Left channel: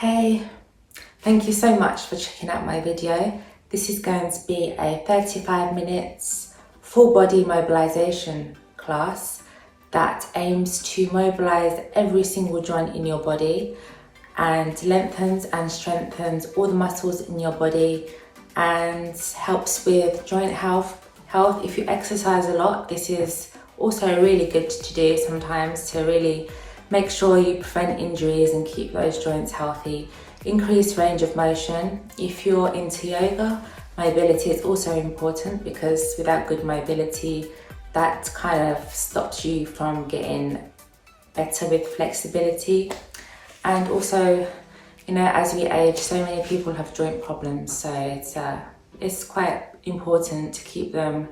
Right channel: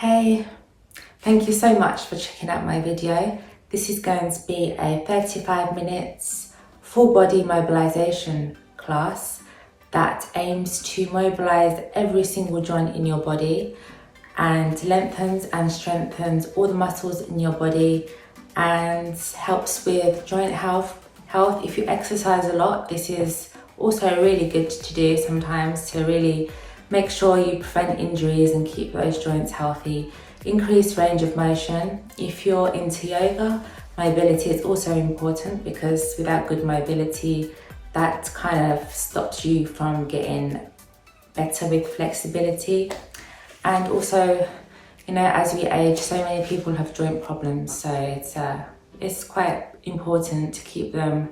Hey, thank you so much for checking out my video. This is going to be a 35 minutes full body mobilization class that aims to mobilize every single joint in your body and lengthens and strengthens all the muscles in your body and helps with joint health. If you exercise a lot, this is also really good to do sometimes to really make sure you prevent injuries and keep those joints healthy. Increase range of motion. If you're into yoga, mobility is also important because without good mobility, that kind of stops you from getting better with flexibility. And also, as we age, so many people have joint problems, so it's quite important to keep them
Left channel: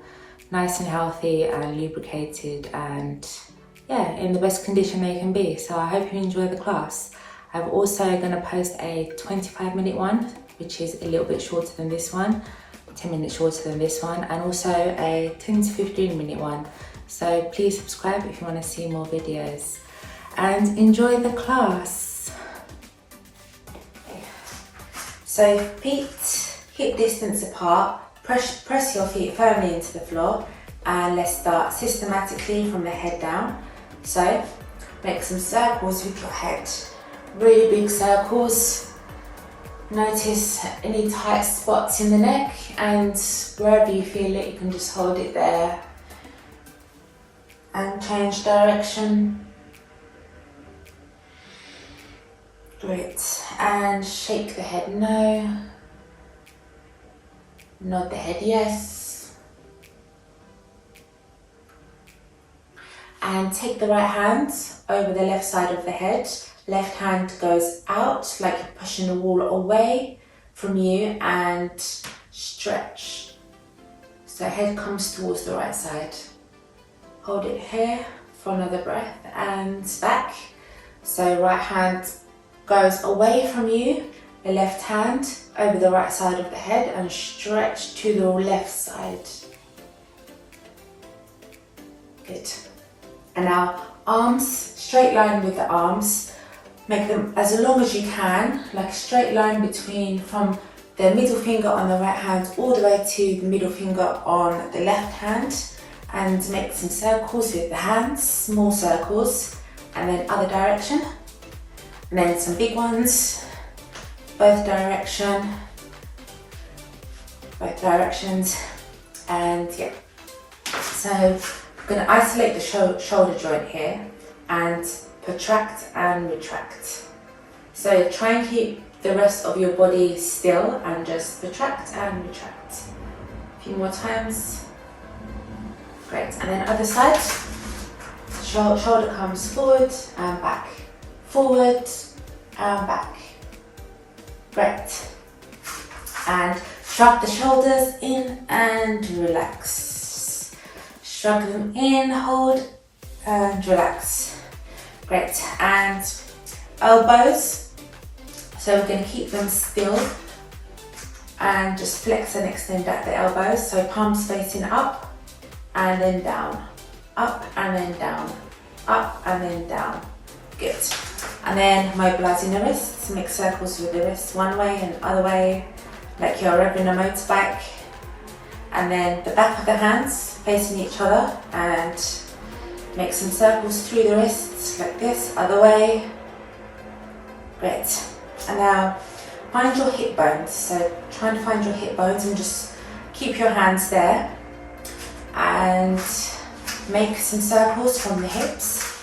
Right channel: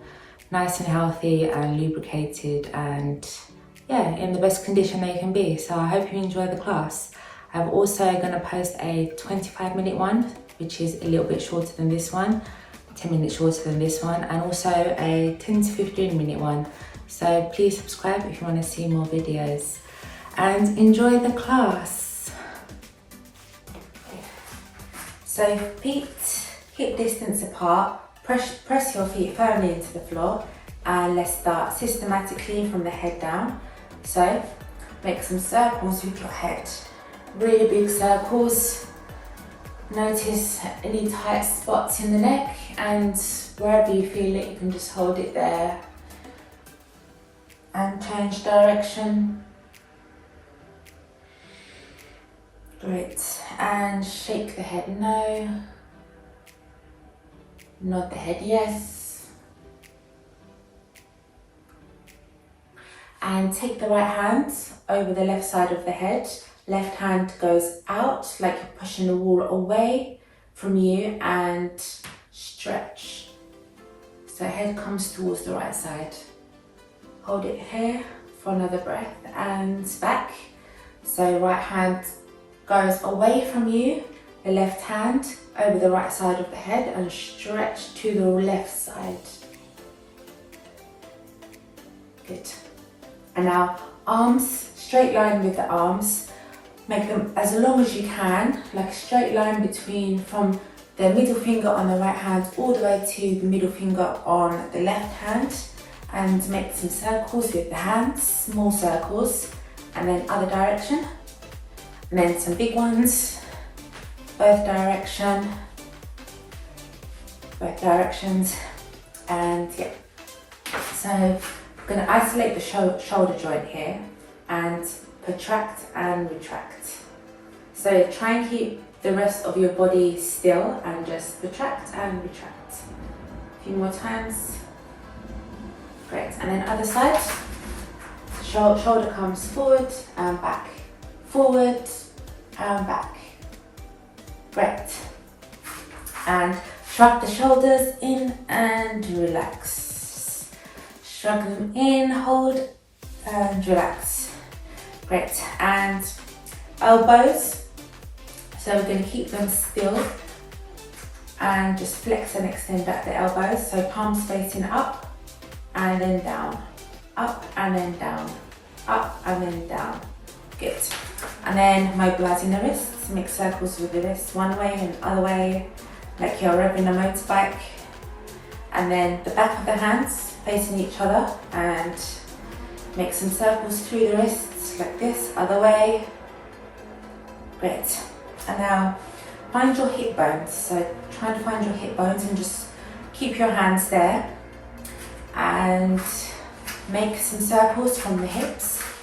nice and healthy and lubricated and in the best condition they can be. So I hope you enjoy the class. I'm also going to post a 25-minute one, which is a little bit shorter than this one, 10 minutes shorter than this one, and also a 10 to 15-minute one. So please subscribe if you want to see more videos and enjoy the class. So feet hip distance apart, press your feet firmly into the floor, and let's start systematically from the head down. So make some circles with your head, really big circles. Notice any tight spots in the neck, and wherever you feel it, you can just hold it there and change direction. Great, and shake the head no, nod the head yes. And take the right hand over the left side of the head. Left hand goes out like you're pushing the wall away from you and stretch. So head comes towards the right side. Hold it here for another breath and back. So right hand goes away from you, the left hand over the right side of the head and stretch to the left side. Good. And now arms, straight line with the arms. Make them as long as you can, like a straight line from the middle finger on the right hand all the way to the middle finger on the left hand. And make some circles with the hands, small circles, and then other direction. And then some big ones, both directions. And yeah. So I'm going to isolate the shoulder joint here and protract and retract. So try and keep the rest of your body still and just protract and retract. A few more times. Great. And then other side. Shoulder comes forward and back. Forward and back. Great. And shrug the shoulders in and relax. Shrug them in, hold, and relax. Great, and elbows. So we're going to keep them still and just flex and extend out the elbows. So palms facing up and then down, up and then down, up and then down. Good. And then mobilizing the wrists, make circles with the wrists one way and other way, like you're revving a motorbike. And then the back of the hands facing each other and make some circles through the wrists like this, other way. Great. And now find your hip bones. So try to find your hip bones and just keep your hands there and make some circles from the hips.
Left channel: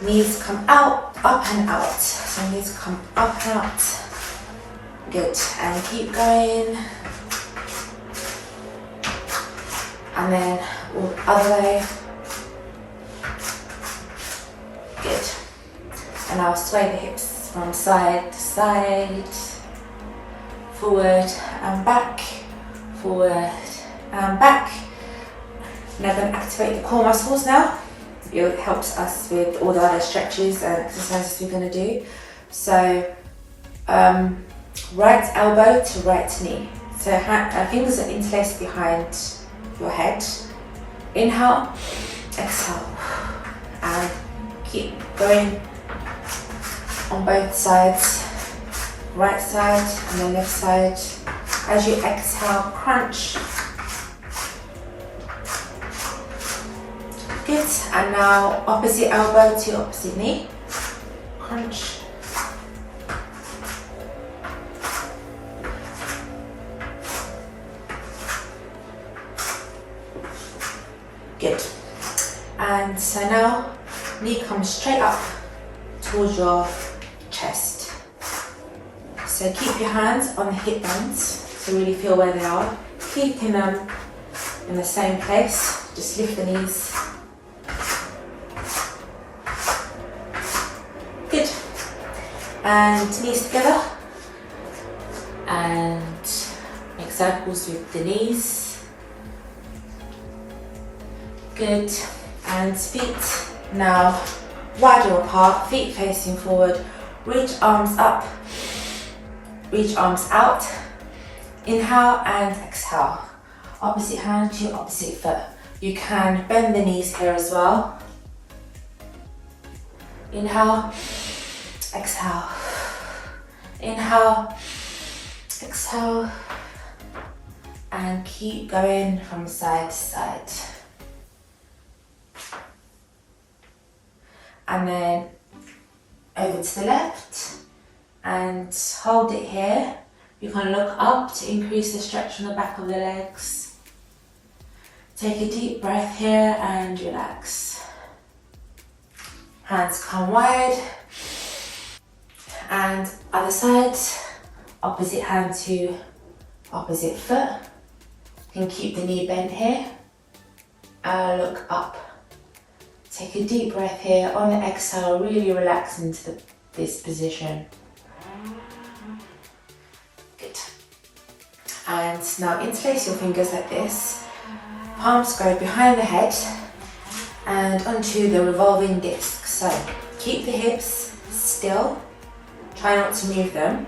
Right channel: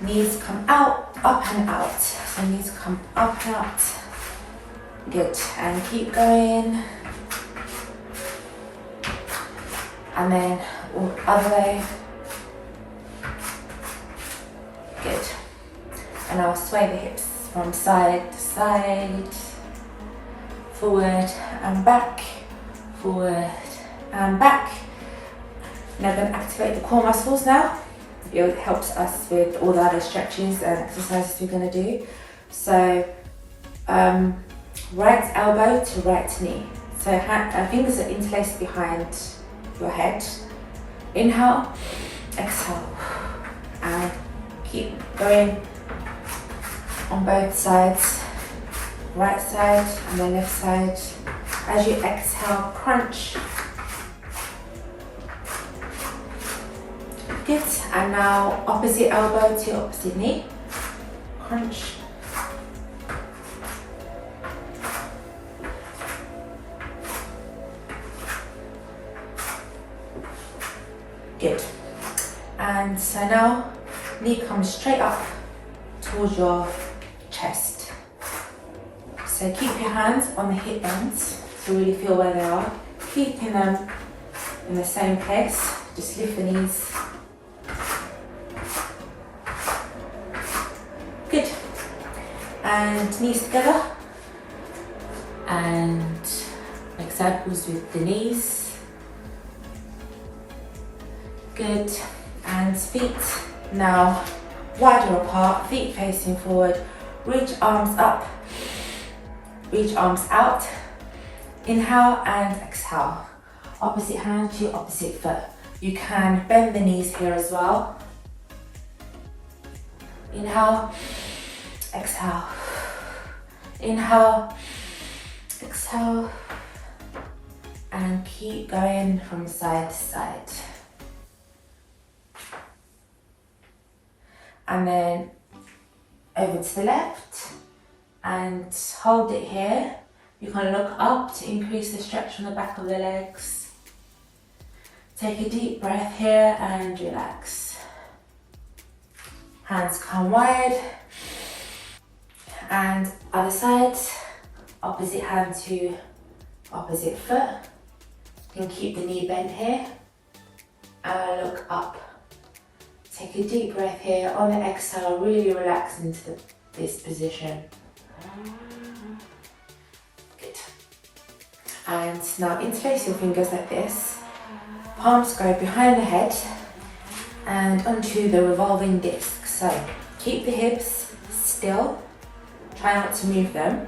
Knees come out, up and out. So knees come up and out. Good. And keep going. And then other way. Good. And I'll sway the hips from side to side, forward and back, forward and back. Now I'm going to activate the core muscles now. It helps us with all the other stretches and exercises we're going to do. So right elbow to right knee. So fingers are interlaced behind your head. Inhale, exhale, and keep going on both sides, right side and the left side. As you exhale, crunch. Good, and now opposite elbow to opposite knee, crunch. Good, and so now knee comes straight up towards your chest. So keep your hands on the hip bones to really feel where they are, keeping them in the same place. Just lift the knees. Good. And knees together. And make circles with the knees. Good. And feet now wider apart, feet facing forward. Reach arms up. Reach arms out. Inhale and exhale. Opposite hand to opposite foot. You can bend the knees here as well. Inhale, exhale. Inhale, exhale. And keep going from side to side. And then over to the left and hold it here. You can look up to increase the stretch on the back of the legs. Take a deep breath here and relax. Hands come wide. And other side, opposite hand to opposite foot. You can keep the knee bent here. And look up. Take a deep breath here. On the exhale, really relax into this position. Good. And now interlace your fingers like this. Palms go behind the head and onto the revolving disc. So keep the hips still, try not to move them,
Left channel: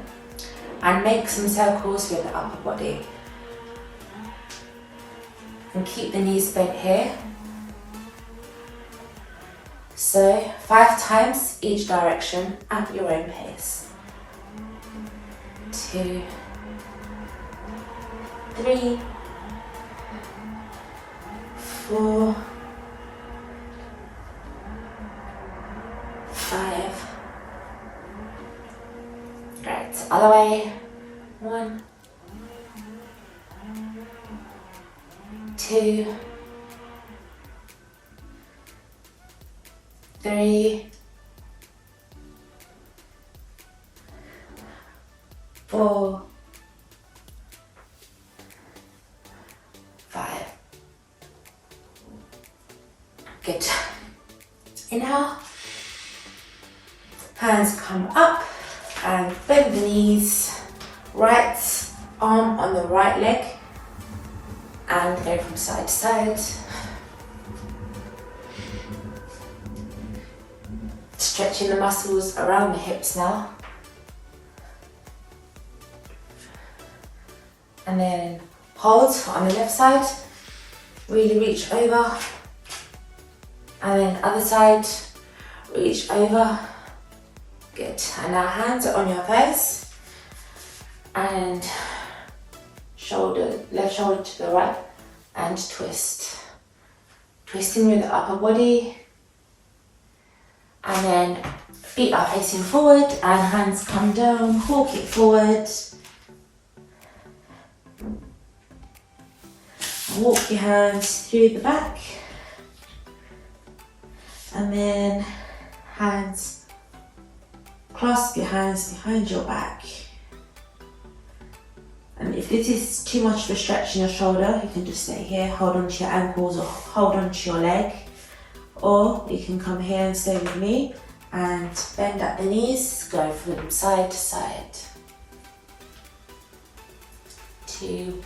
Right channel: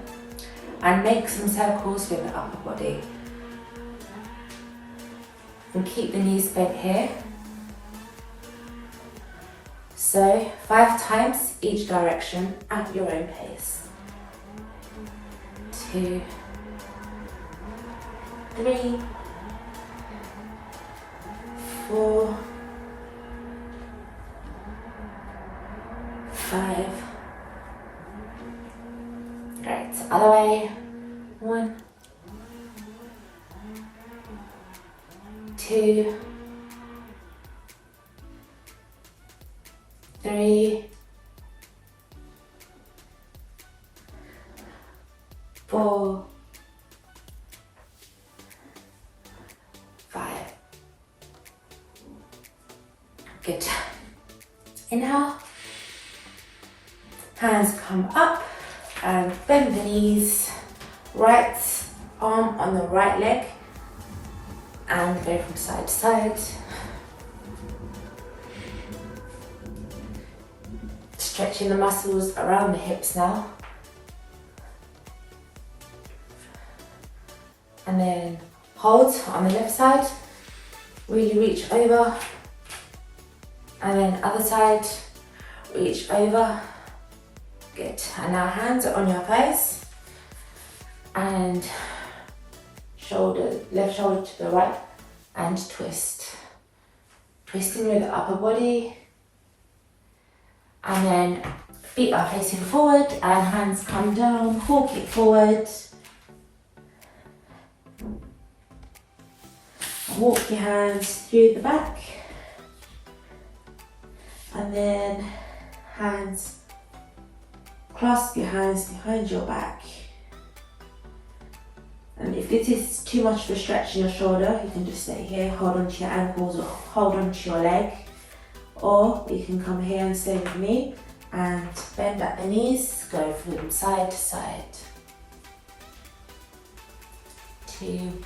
and make some circles with the upper body. And keep the knees bent here. So 5 times each direction at your own pace. 2, 3, 4, 5. Right, other way. 1, 2, 3, 4, 5. Good. Inhale. Hands come up and bend the knees. Right arm on the right leg and go from side to side. Stretching the muscles around the hips now. And then hold on the left side. Really reach over. And then other side, reach over. Good. And now hands are on your thighs. And left shoulder to the right and twist. Twisting with the upper body. And then feet are facing forward and hands come down, walk it forward. Walk your hands through the back. And then hands, clasp your hands behind your back. And if this is too much of a stretch in your shoulder, you can just stay here, hold on to your ankles or hold on to your leg. Or you can come here and stay with me and bend at the knees, go from side to side. 2,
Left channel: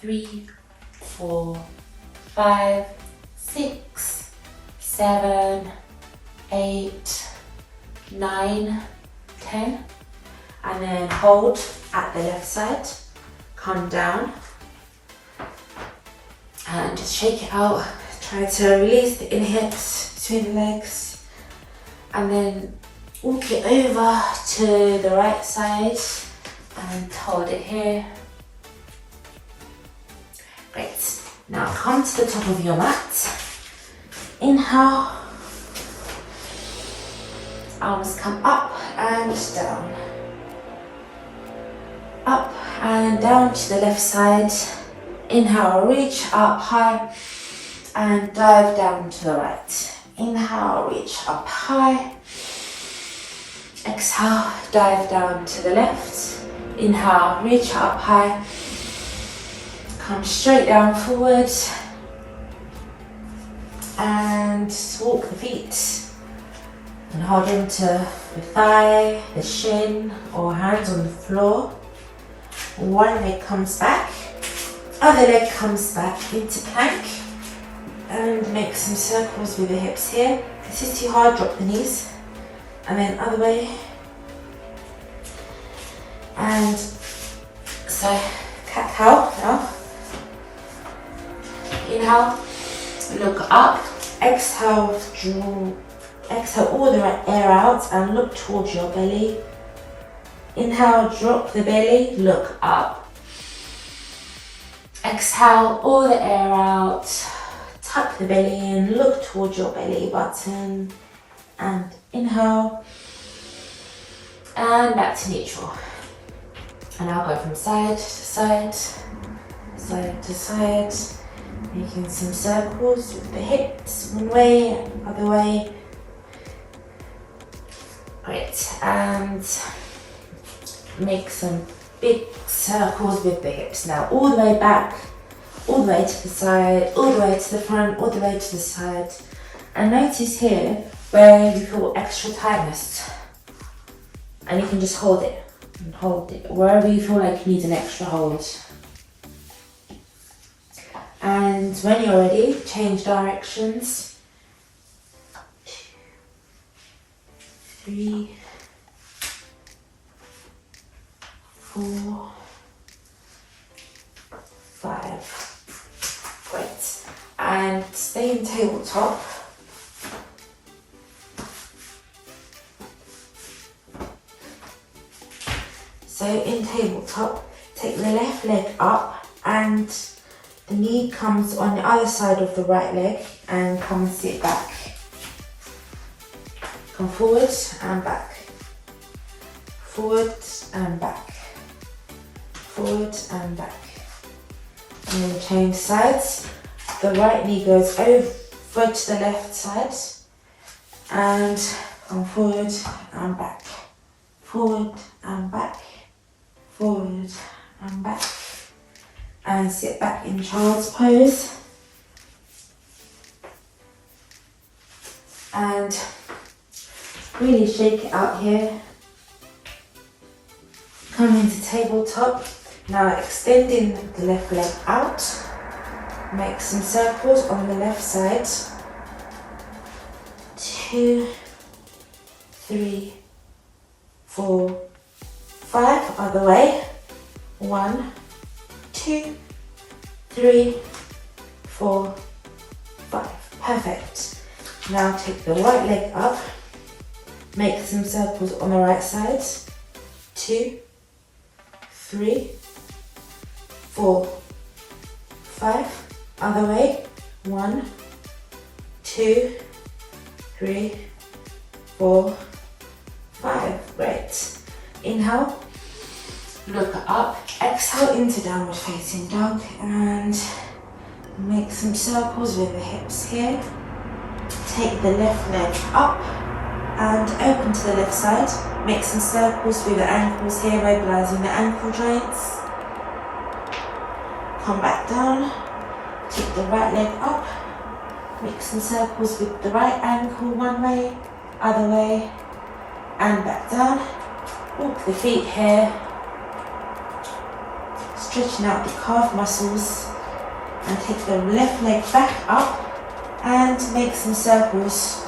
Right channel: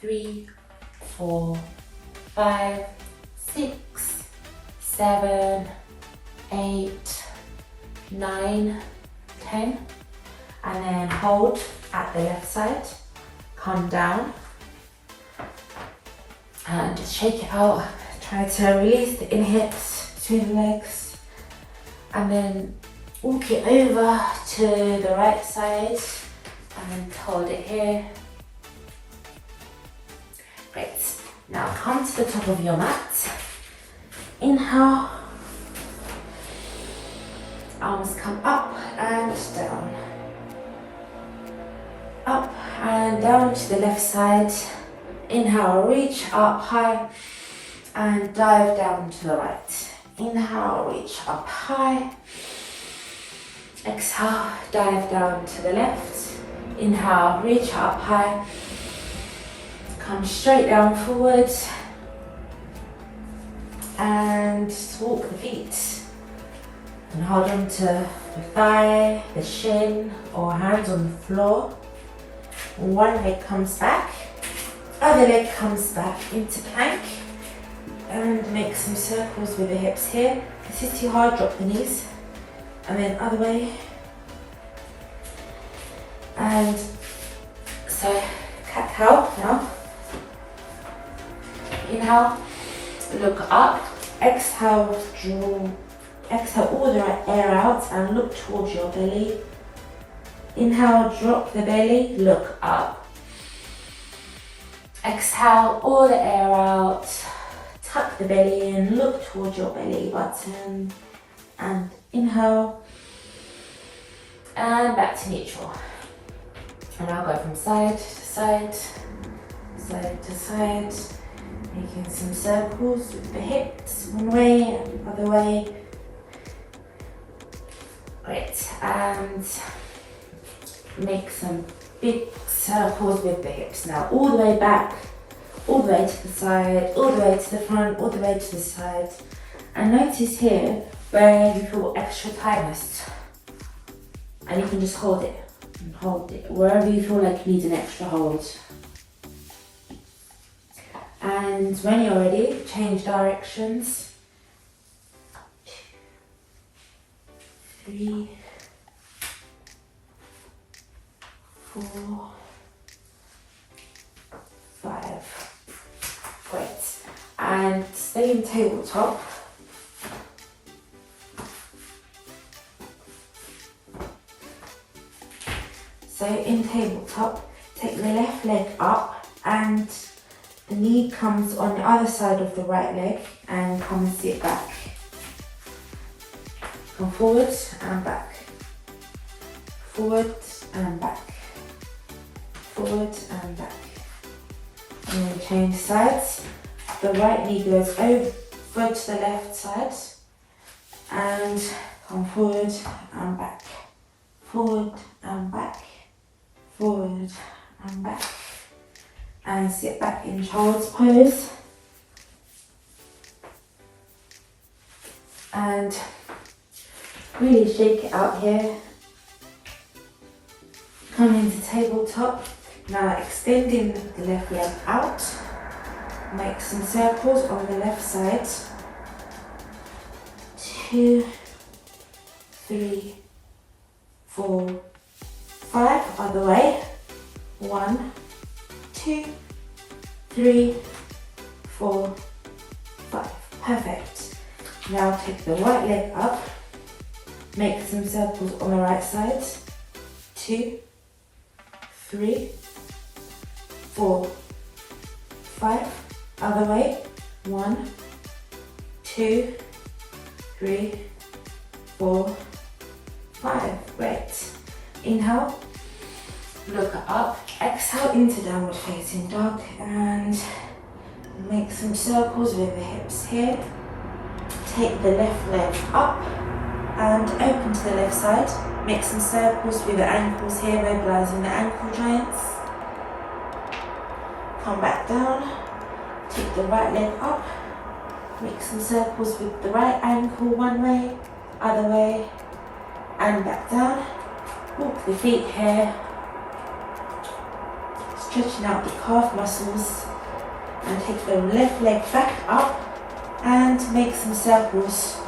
3, 4, 5, 6, 7, 8, 9, 10. And then hold at the left side, come down and just shake it out. Try to release the inner hips between the legs and then Walk it over to the right side and hold it here. Great. Now come to the top of your mat. Inhale. Arms come up and down. Up and down to the left side. Inhale, reach up high and dive down to the right. Inhale, reach up high. Exhale, dive down to the left. Inhale, reach up high. Come straight down forward. And walk the feet. And hold on to the thigh, the shin, or hands on the floor. One leg comes back. Other leg comes back into plank. And make some circles with the hips here. If this is too hard, drop the knees. And then other way. And so cat-cow now. Inhale, look up. Exhale, withdraw. Exhale all the air out and look towards your belly. Inhale, drop the belly, look up. Exhale all the air out. Tuck the belly in, look towards your belly button. And inhale. And back to neutral. And I'll go from side to side, side to side, making some circles with the hips, one way, other way. Great, and make some big circles with the hips now, all the way back, all the way to the side, all the way to the front, all the way to the side. And notice here where you feel extra tightness, and you can just hold it. And hold it wherever you feel like you need an extra hold. And when you're ready, change directions. 2, 3, 4, 5. Great. And stay in tabletop. So in tabletop, take the left leg up and the knee comes on the other side of the right leg and come and sit back. Come forward and back. Forward and back. Forward and back. And then change sides. The right knee goes over to the left side and come forward and back. Forward and back. Forward and back, and sit back in child's pose. And really shake it out here. Come into tabletop. Now extending the left leg out. Make some circles on the left side. 2, 3, 4, 5, other way. 1, 2, 3, 4, 5. Perfect. Now take the right leg up. Make some circles on the right side. 2, 3, 4, 5. Other way. 1, 2, 3, 4, 5. Great. Inhale. Look up, exhale into downward facing dog and make some circles with the hips here. Take the left leg up and open to the left side. Make some circles with the ankles here, mobilizing the ankle joints. Come back down, take the right leg up. Make some circles with the right ankle one way, other way, and back down. Walk the feet here. Stretching out the calf muscles and take the left leg back up and make some circles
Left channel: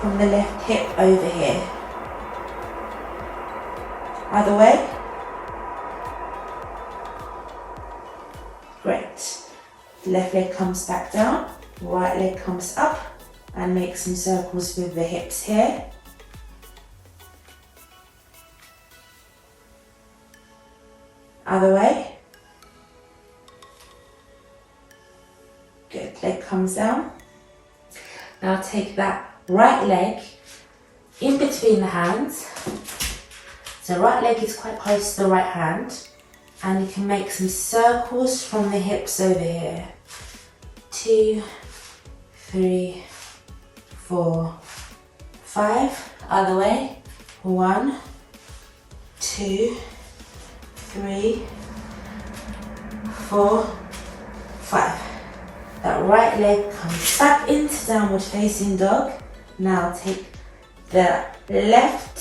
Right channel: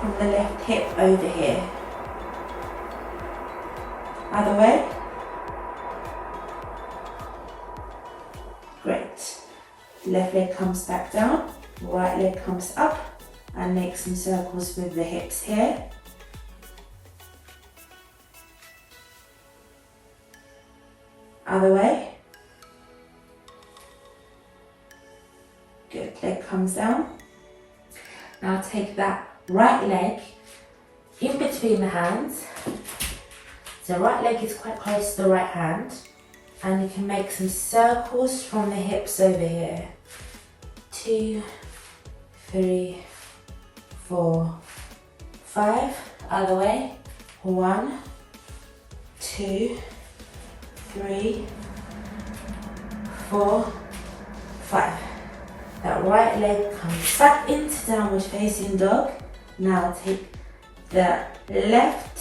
from the left hip over here. Other way. Great. Left leg comes back down, right leg comes up and make some circles with the hips here. other way. Good, leg comes down. Now take that right leg in between the hands. So right leg is quite close to the right hand, and you can make some circles from the hips over here. 2, 3, 4, 5. Other way. 1, 2, 3, 4, 5. That right leg comes back into downward facing dog. Now take the left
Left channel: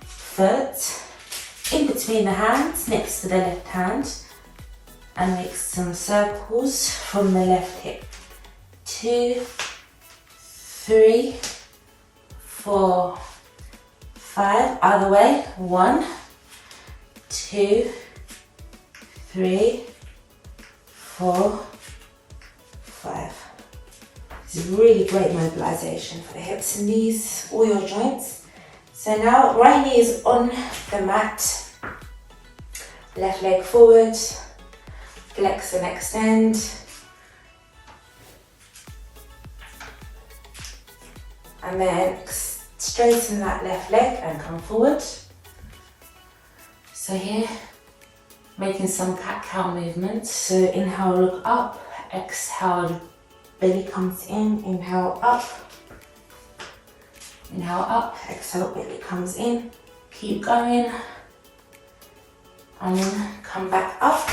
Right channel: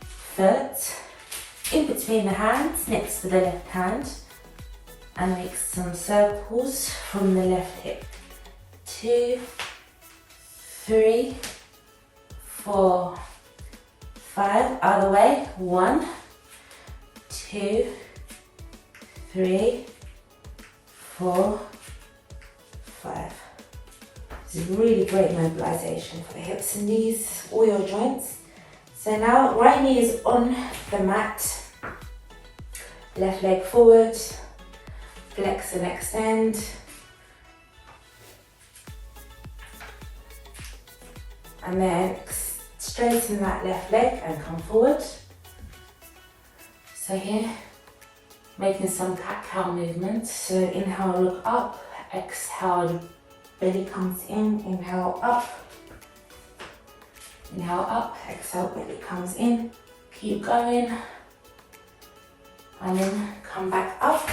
foot in between the hands next to the left hand and make some circles from the left hip. 2, 3, 4, 5. Other way. 1, 2, 3, 4, 5. This is really great mobilization for the hips and knees, all your joints. So now right knee is on the mat, left leg forward, flex and extend. And then straighten that left leg and come forward. So here, making some cat-cow movements. So inhale, look up, exhale, belly comes in, inhale up, exhale, belly comes in, keep going, and then come back up,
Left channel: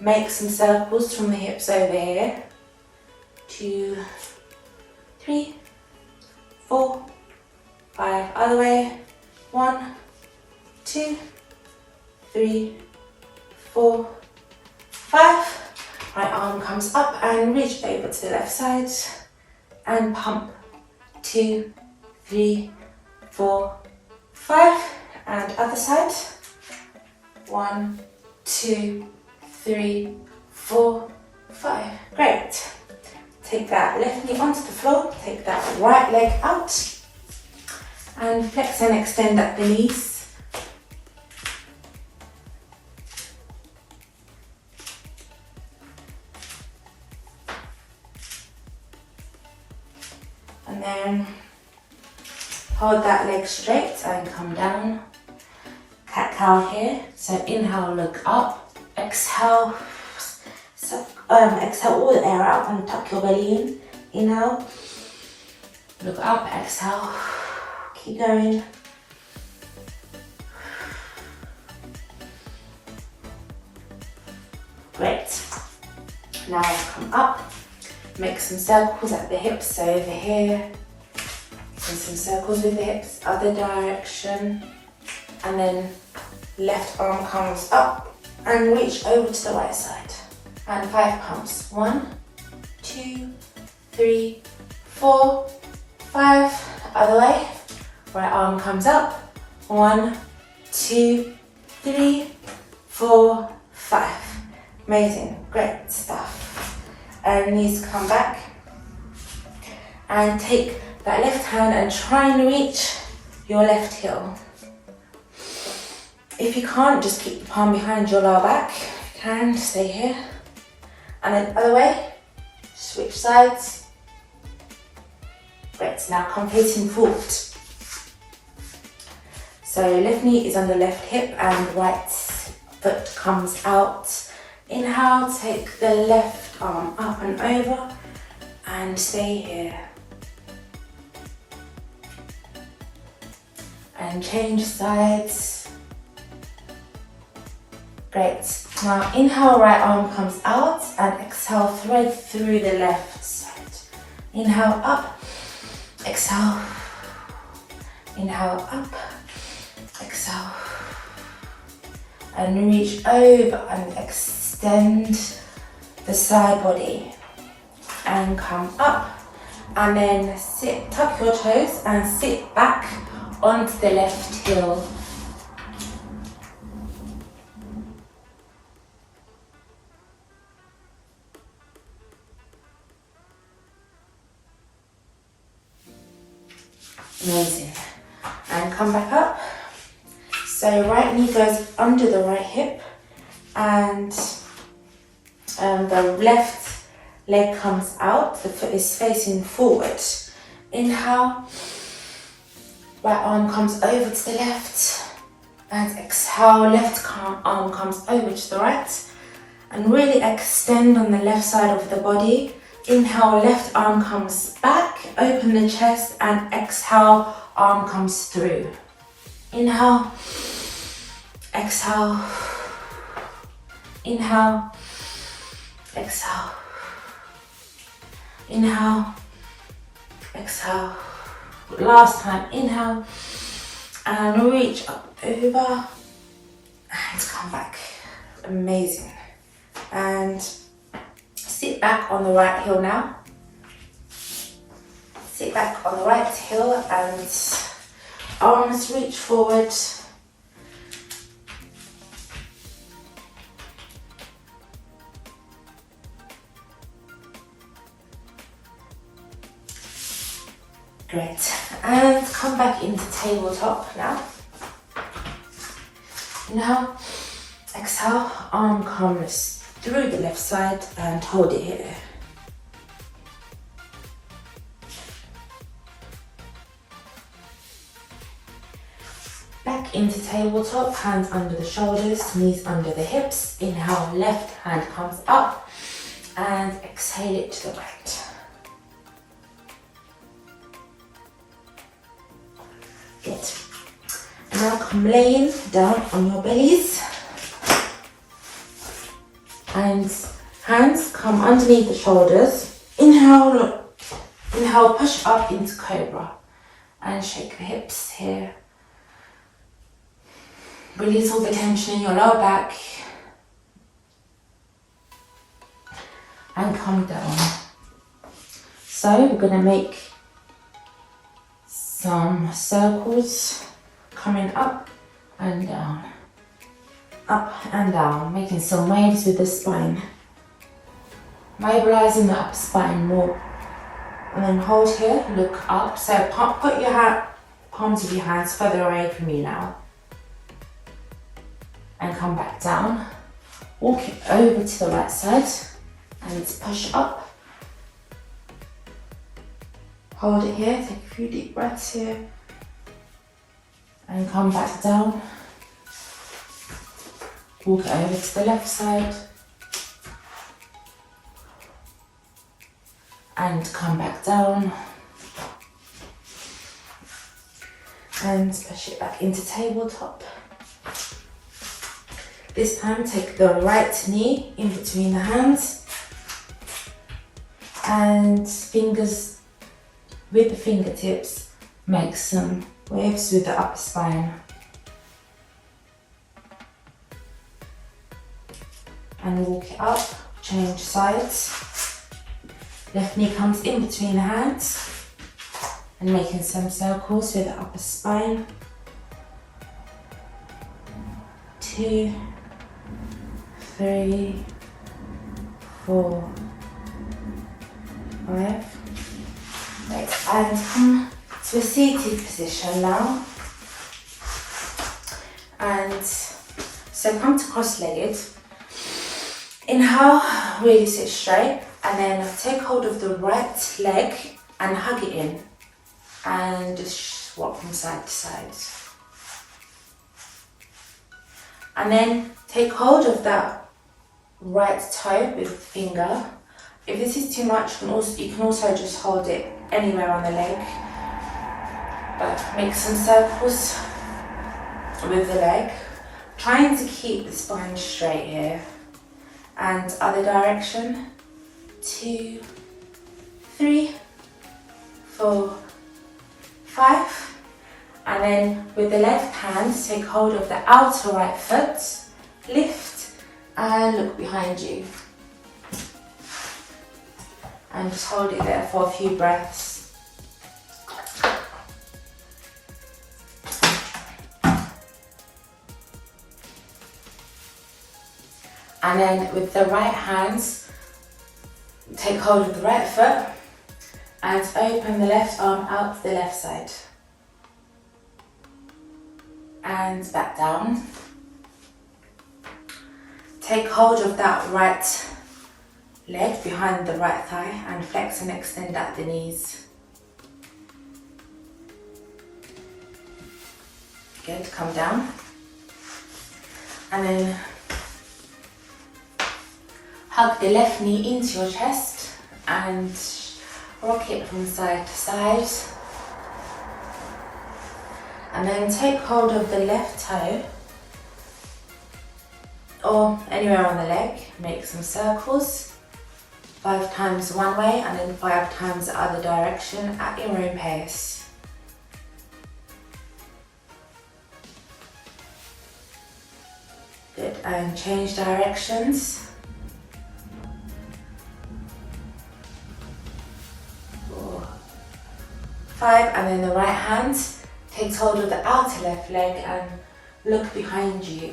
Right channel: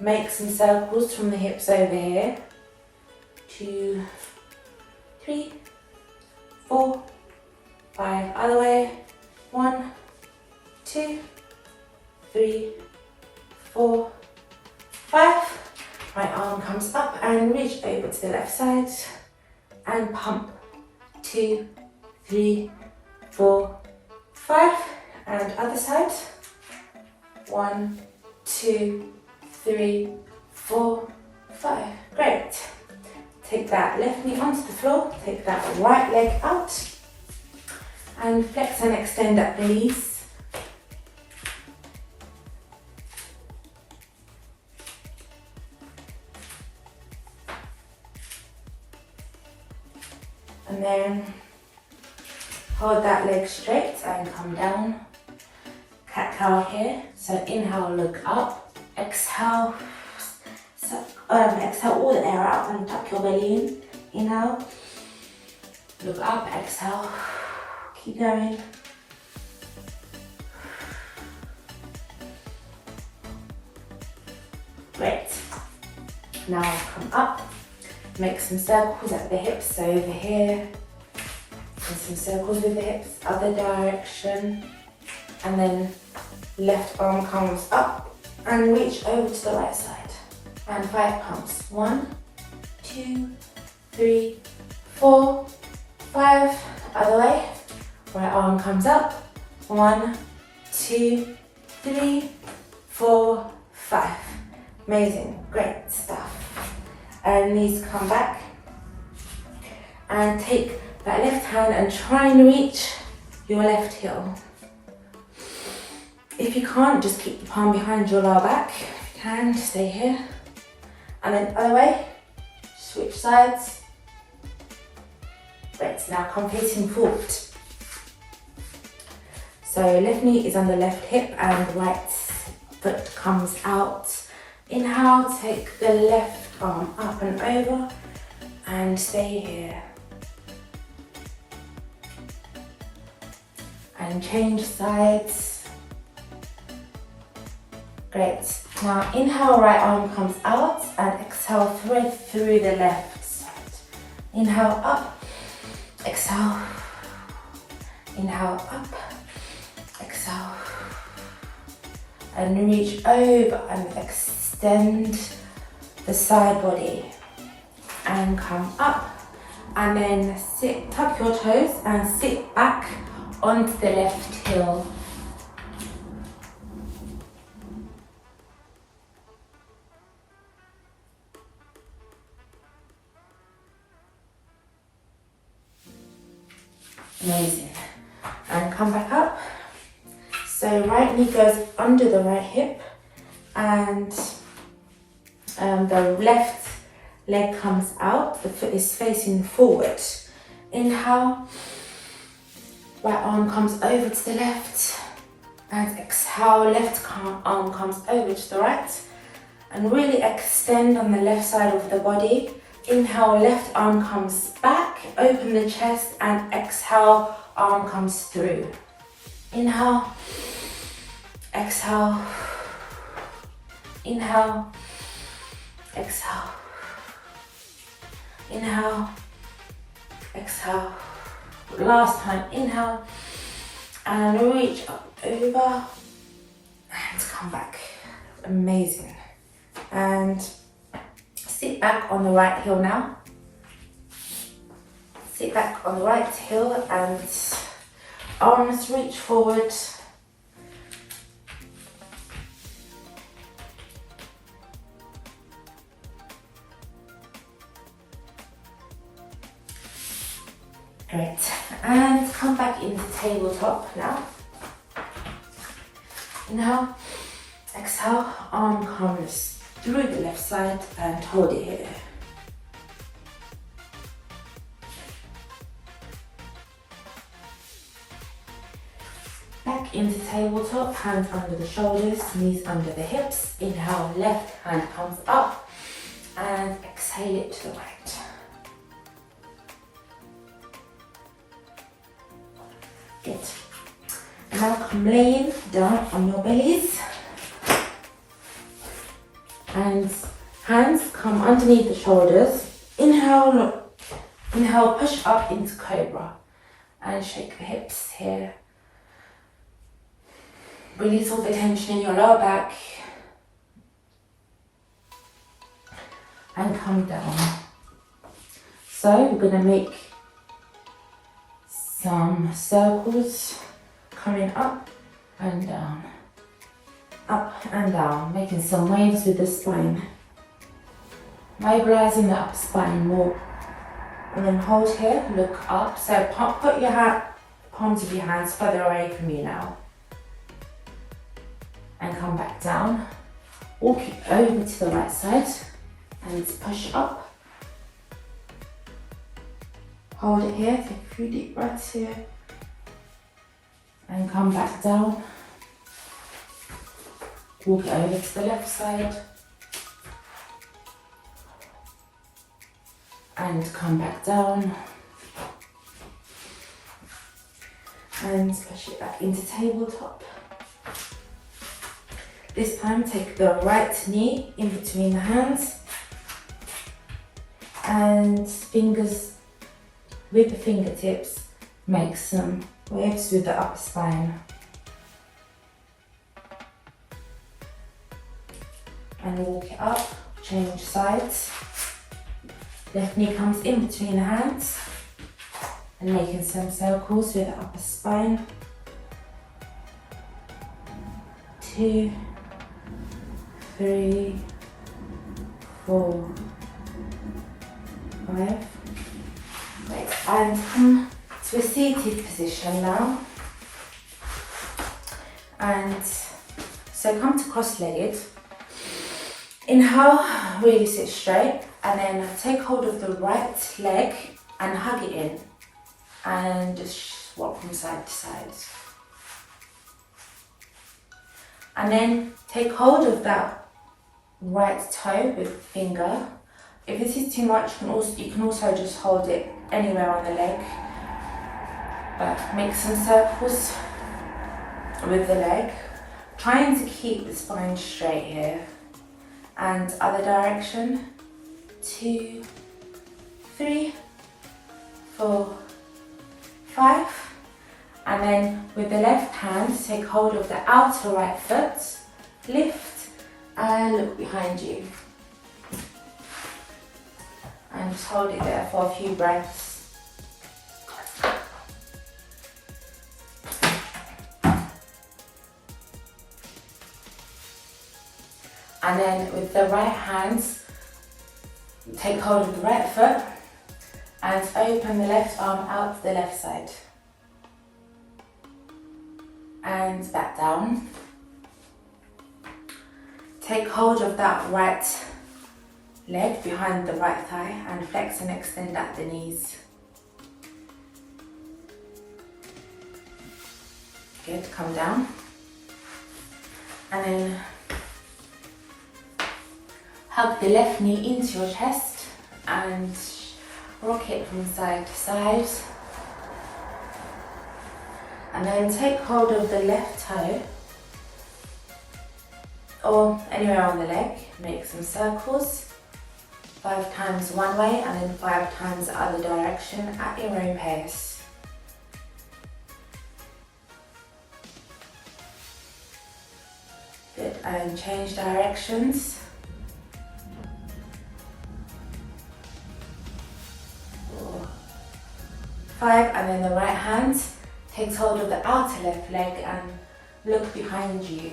make some circles from the hips over here, 2, 3, 4, 5, other way, 1, 2, 3, 4, 5. Right arm comes up and reach over to the left side and pump. 2, 3, 4, 5. And other side. 1, 2, 3, 4, 5. Great. Take that left knee onto the floor. Take that right leg out. And flex and extend at the knees. And then hold that leg straight and come down. Cat-cow here. So inhale, look up. Exhale. Exhale all the air out and tuck your belly in. Inhale. Look up. Exhale. Keep going. Great. Now come up. Make some circles at the hips, so over here, and some circles with the hips, other direction, and then left arm comes up and reach over to the right side. And 5 pumps. 1, 2, 3, 4, 5. Other way. Right arm comes up. 1, 2, 3, 4, 5. Amazing, great stuff. And knees come back and take that left hand and try and reach your left heel. If you can't, just keep the palm behind your lower back. If you can, stay here. And then other way, switch sides. Great, now come facing forward. So left knee is on the left hip and right foot comes out. Inhale, take the left arm up and over and stay here. And change sides. Great. Now inhale, right arm comes out and exhale, thread through the left side. Inhale up, exhale. Inhale up, exhale. And reach over and extend the side body and come up, and then sit, tuck your toes and sit back onto the left heel. Amazing. And come back up. So right knee goes under the right hip and the left leg comes out, the foot is facing forward. Inhale, right arm comes over to the left, and exhale, left arm comes over to the right, and really extend on the left side of the body. Inhale, left arm comes back, open the chest, and exhale, arm comes through. Inhale, exhale, inhale, exhale, inhale, exhale. Last time, inhale, and reach up over, and come back. Amazing. And sit back on the right heel now. Sit back on the right heel and arms reach forward. Great. And come back into tabletop now. Inhale, exhale, arm comes through the left side and hold it here. Back into tabletop, hands under the shoulders, knees under the hips. Inhale, left hand comes up and exhale it to the right. Good. Now come laying down on your bellies. And hands come underneath the shoulders. Inhale, inhale, push up into cobra. And shake the hips here. Release all the tension in your lower back. And come down. So we're going to make some circles coming up and down. Up and down, making some waves with the spine. Mobilizing the upper spine more. And then hold here, look up. So put your palms of your hands further away from you now. And come back down. Walk it over to the right side and push up. Hold it here, take a few deep breaths here. And come back down. Walk it over to the left side. And come back down. And push it back into tabletop. This time take the right knee in between the hands. And fingers with the fingertips make some waves with the upper spine. And walk it up, change sides. Left knee comes in between the hands and making some circles with the upper spine. 2, 3, 4, 5. Right, and come to a seated position now. And so come to cross-legged. Inhale, really sit straight, and then take hold of the right leg and hug it in. And just walk from side to side. And then take hold of that right toe with the finger. If this is too much, you can also just hold it anywhere on the leg. But make some circles with the leg. Trying to keep the spine straight here. And other direction. 2, 3, 4, 5. And then with the left hand, take hold of the outer right foot, lift and look behind you. And just hold it there for a few breaths. And then with the right hands, take hold of the right foot and open the left arm out to the left side. And back down. Take hold of that right leg behind the right thigh and flex and extend at the knees. Good, come down. And then hug the left knee into your chest and rock it from side to side. And then take hold of the left toe or anywhere on the leg. Make some circles, 5 times one way and then 5 times the other direction at your own pace. Good, and change directions. 4, 5, and then the right hand takes hold of the outer left leg and look behind you.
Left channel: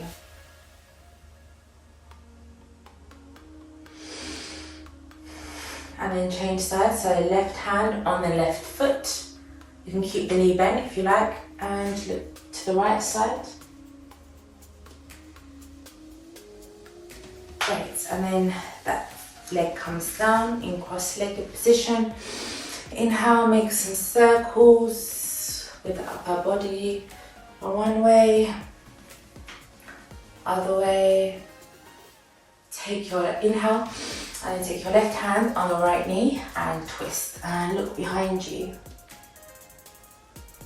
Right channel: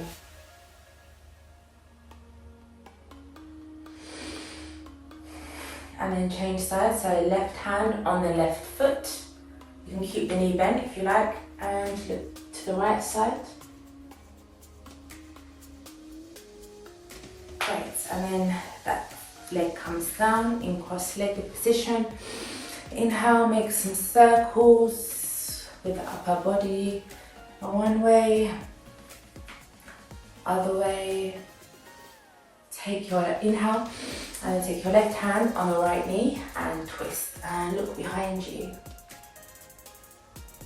And then change sides, so left hand on the left foot. You can keep the knee bent if you like, and look to the right side. Great, and then that leg comes down in cross-legged position. Inhale, make some circles with the upper body. One way, other way. Take your inhale and take your left hand on the right knee and twist and look behind you.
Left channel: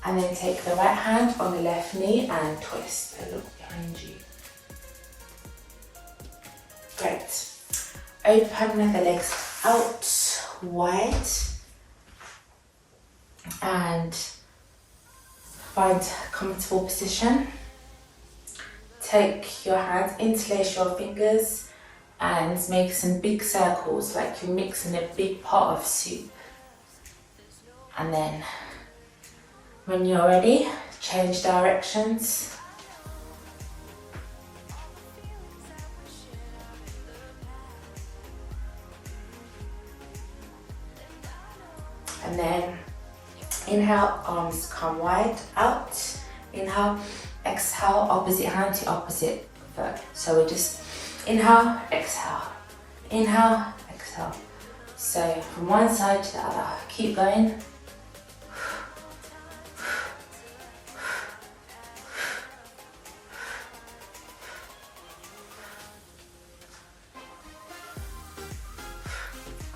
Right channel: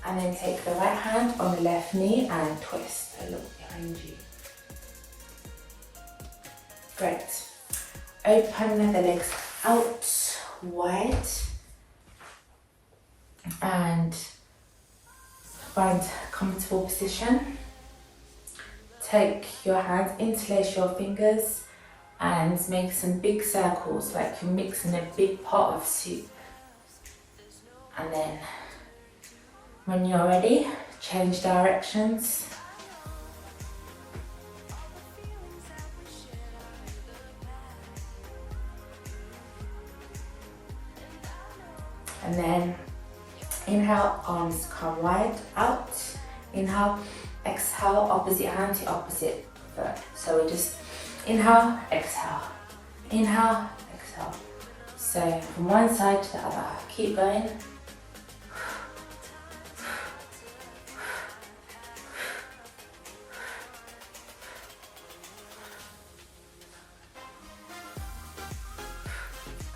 And then take the right hand on the left knee and twist and look behind you. Great. Open the legs out wide and find a comfortable position. Take your hands, interlace your fingers and make some big circles like you're mixing a big pot of soup. And then when you're ready, change directions. And then inhale, arms come wide out. Inhale, exhale, opposite hand to opposite foot. So we just inhale, exhale, inhale, exhale. So from one side to the other, keep going.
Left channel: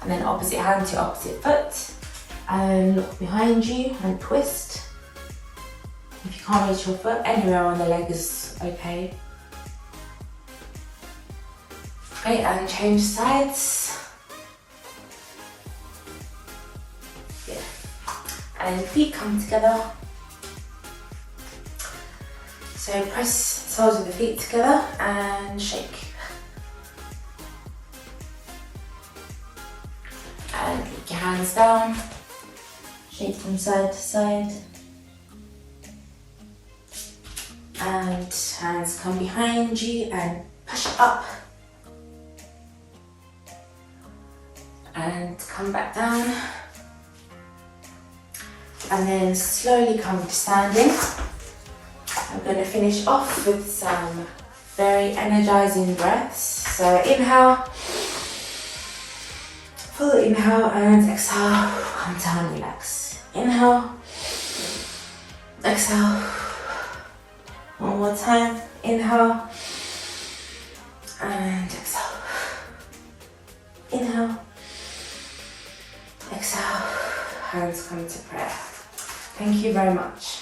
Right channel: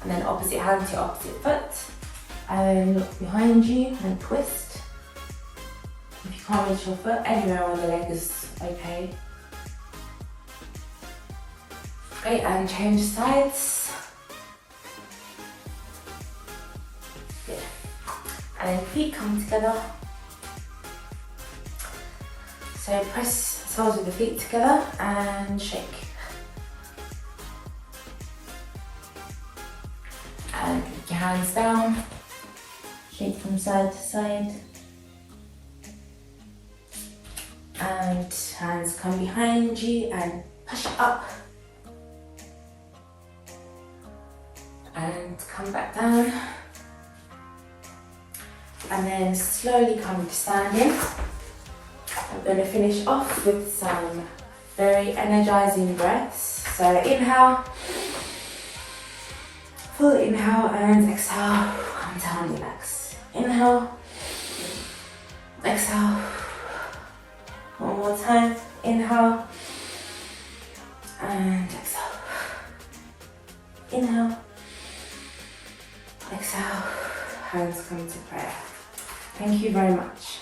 And then opposite hand to opposite foot. And look behind you and twist. If you can't reach your foot, anywhere on the leg is okay. Great, and change sides. Good. And then feet come together. So press soles of the feet together and shake. And put your hands down. Shake from side to side. And hands come behind you and push up. And come back down. And then slowly come to standing. I'm going to finish off with some very energizing breaths. So inhale, full inhale and exhale, come down, relax. Inhale, exhale. One more time, inhale and exhale. Inhale, exhale, hands come to prayer. Thank you very much.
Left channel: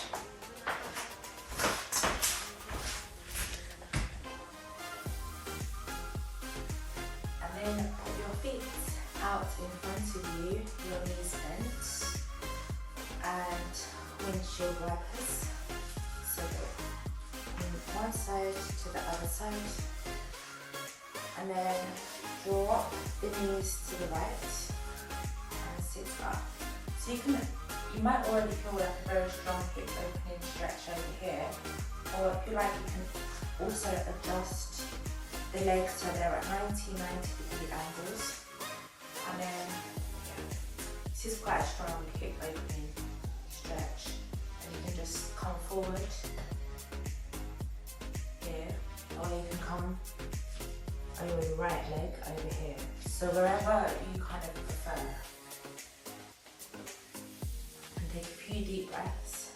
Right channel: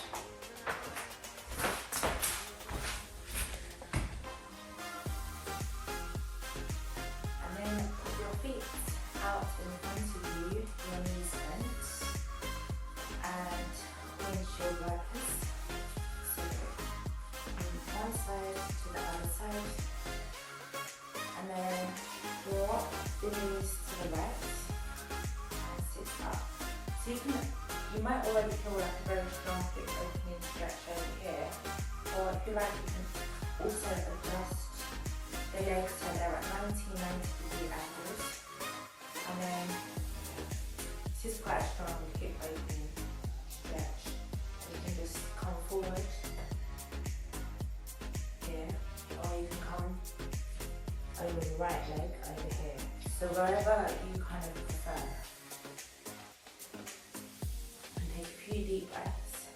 And then put your feet out in front of you, your knees bent, and windshield wipers. So from one side to the other side, and then drop the knees to the right and sit up. So you might already feel like a very strong hip opening stretch over here, or if you like, you can also adjust the legs so they're at 90-degree angles. And then this is quite a strong hip opening stretch. And you can just come forward here, or you can come over right leg over here. So wherever you kind of prefer. And take a few deep breaths.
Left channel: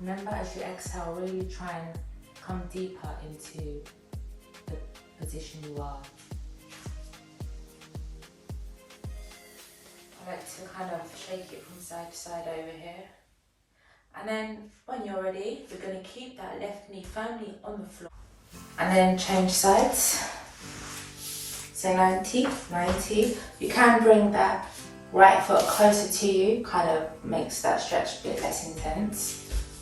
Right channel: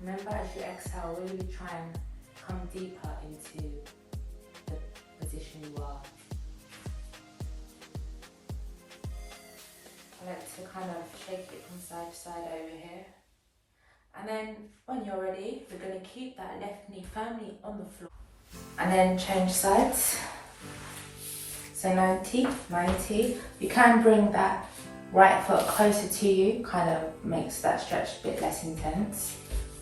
Remember, as you exhale, really try and come deeper into the position you are. I like to kind of shake it from side to side over here. And then when you're ready, we're going to keep that left knee firmly on the floor. And then change sides. So 90, 90. You can bring that right foot closer to you, kind of makes that stretch a bit less intense.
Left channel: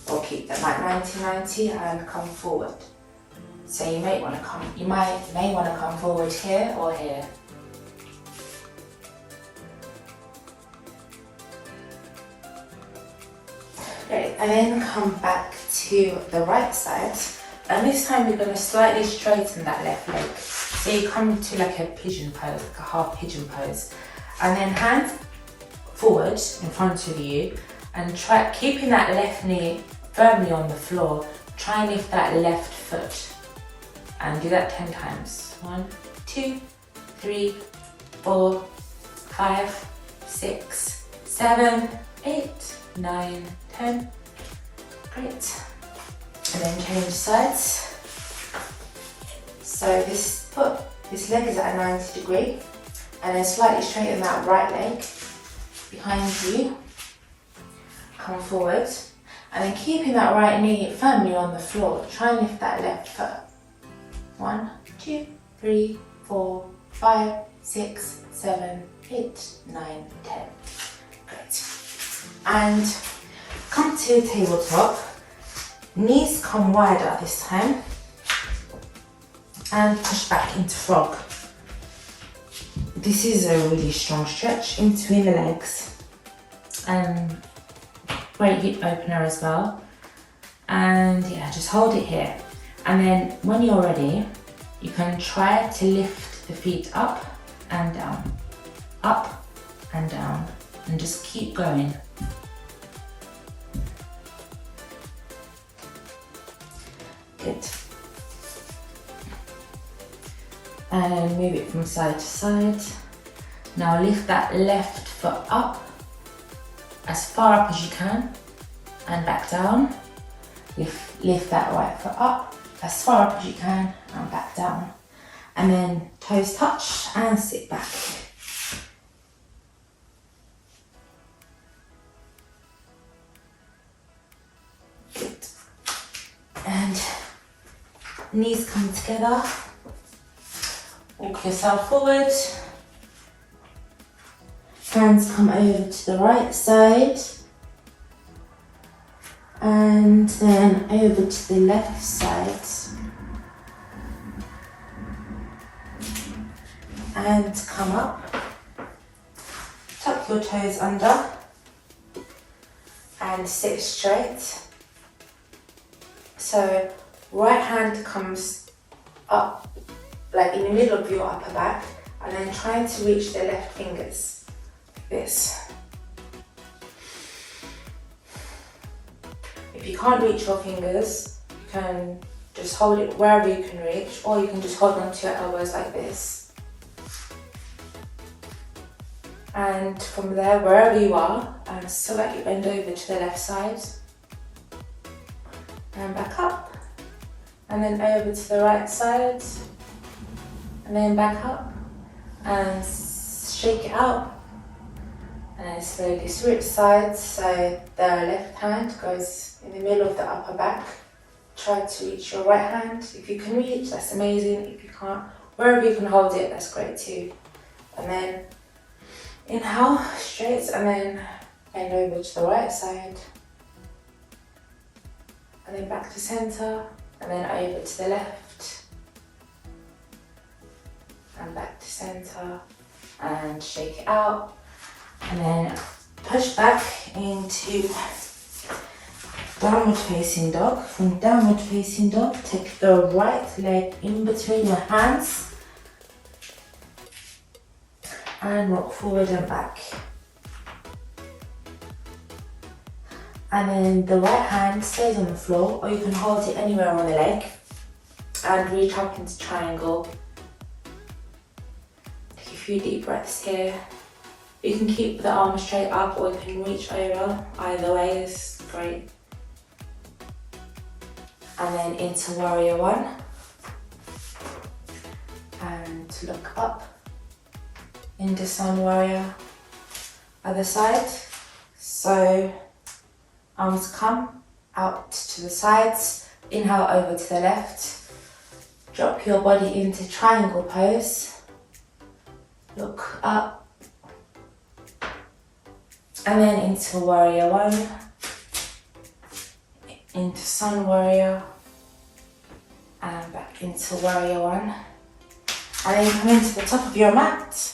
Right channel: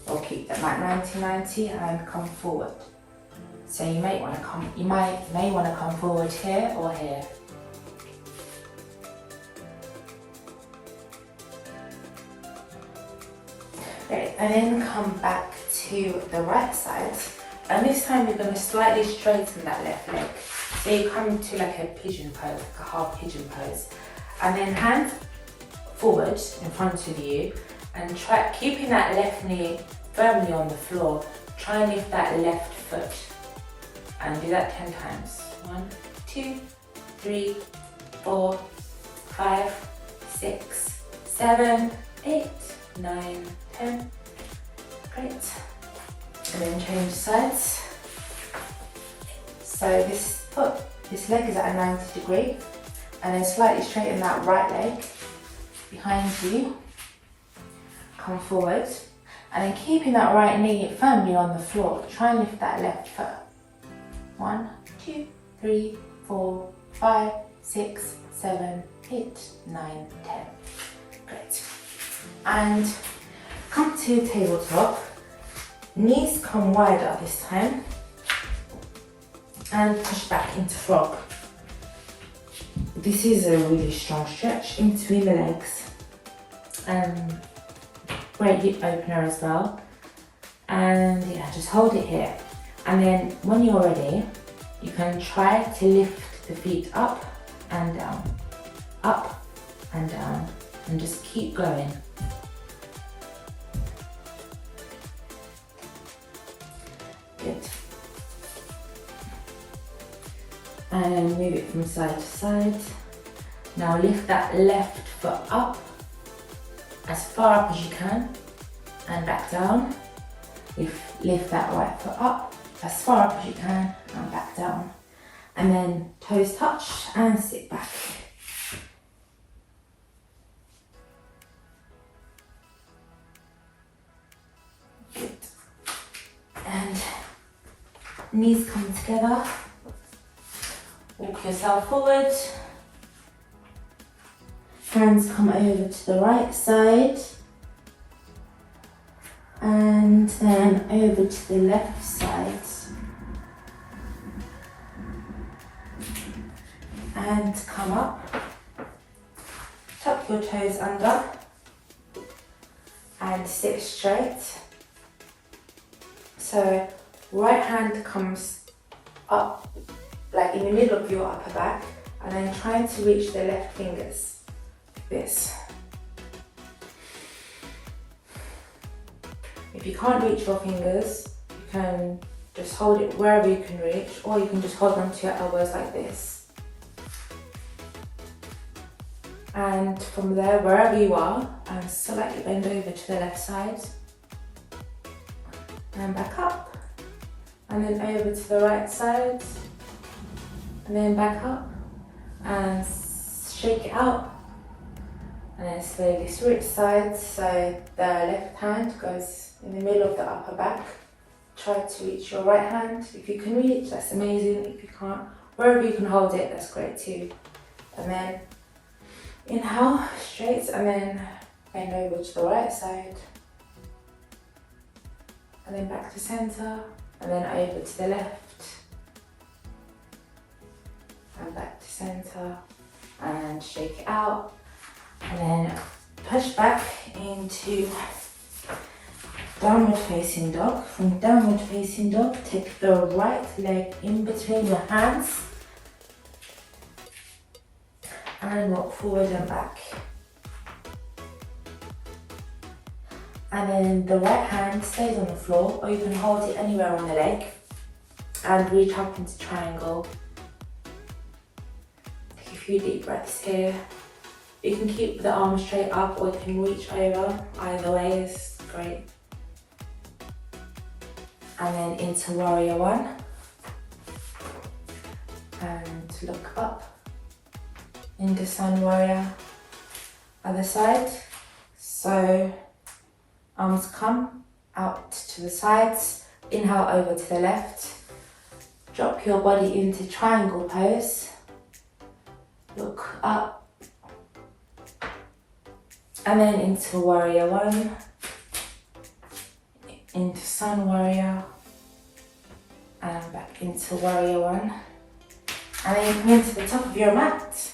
Or keep that like 90, 90 and come forward. So you may want to come forward here or here. Great, and then come back to the right side. And this time you're going to slightly straighten that left leg. So you come to like a pigeon pose, like a half pigeon pose. And then hands forward in front of you and try keeping that left knee firmly on the floor. Try and lift that left foot. And do that 10 times. 1, 2, 3, 4, 5, 6, 7, 8, 9, 10. Great. And then change sides. So this leg is at a 90 degree. And then slightly straighten that right leg behind you. Come forward. And then keeping that right knee firmly on the floor. Try and lift that left foot. 1, 2, 3, 4, 5, 6, 7, 8, 9, 10. Great. And come to tabletop. Knees come wider this time. And push back into frog. This is a really strong stretch in between the legs. And great hip opener as well. And yeah, just hold it here. And then when you're ready, you can try to lift the feet up and down, and just keep going. Good. And then move it from side to side. Now lift that left foot up, as far up as you can, and back down. Lift that right foot up, as far up as you can, and back down. And then toes touch and sit back. Good. And knees come together. Walk yourself forward. Hands come over to the right side. And then over to the left side. And come up. Tuck your toes under. And sit straight. So right hand comes up like in the middle of your upper back, and then trying to reach the left fingers, like this. If you can't reach your fingers, you can just hold it wherever you can reach, or you can just hold onto your elbows like this. And from there, wherever you are, slightly bend over to the left side, and back up, and then over to the right side, and then back up, and shake it out, and then slowly switch sides, so the left hand goes in the middle of the upper back. Try to reach your right hand. If you can reach, that's amazing. If you can't, wherever you can hold it, that's great too. And then inhale, straight, and then bend over to the right side, and then back to center, and then over to the left, and back to center, and shake it out, and then push back into downward facing dog. From downward facing dog, take the right leg in between your hands and rock forward and back. And then the right hand stays on the floor, or you can hold it anywhere on the leg. and reach up into triangle. Take a few deep breaths here. You can keep the arms straight up or you can reach over. Either way is great. And then into warrior one. And look up. Into sun warrior. Other side. So arms come out to the sides. Inhale over to the left. Drop your body into triangle pose. Look up. And then into warrior one. Into sun warrior. And back into warrior one. And then you come into the top of your mat.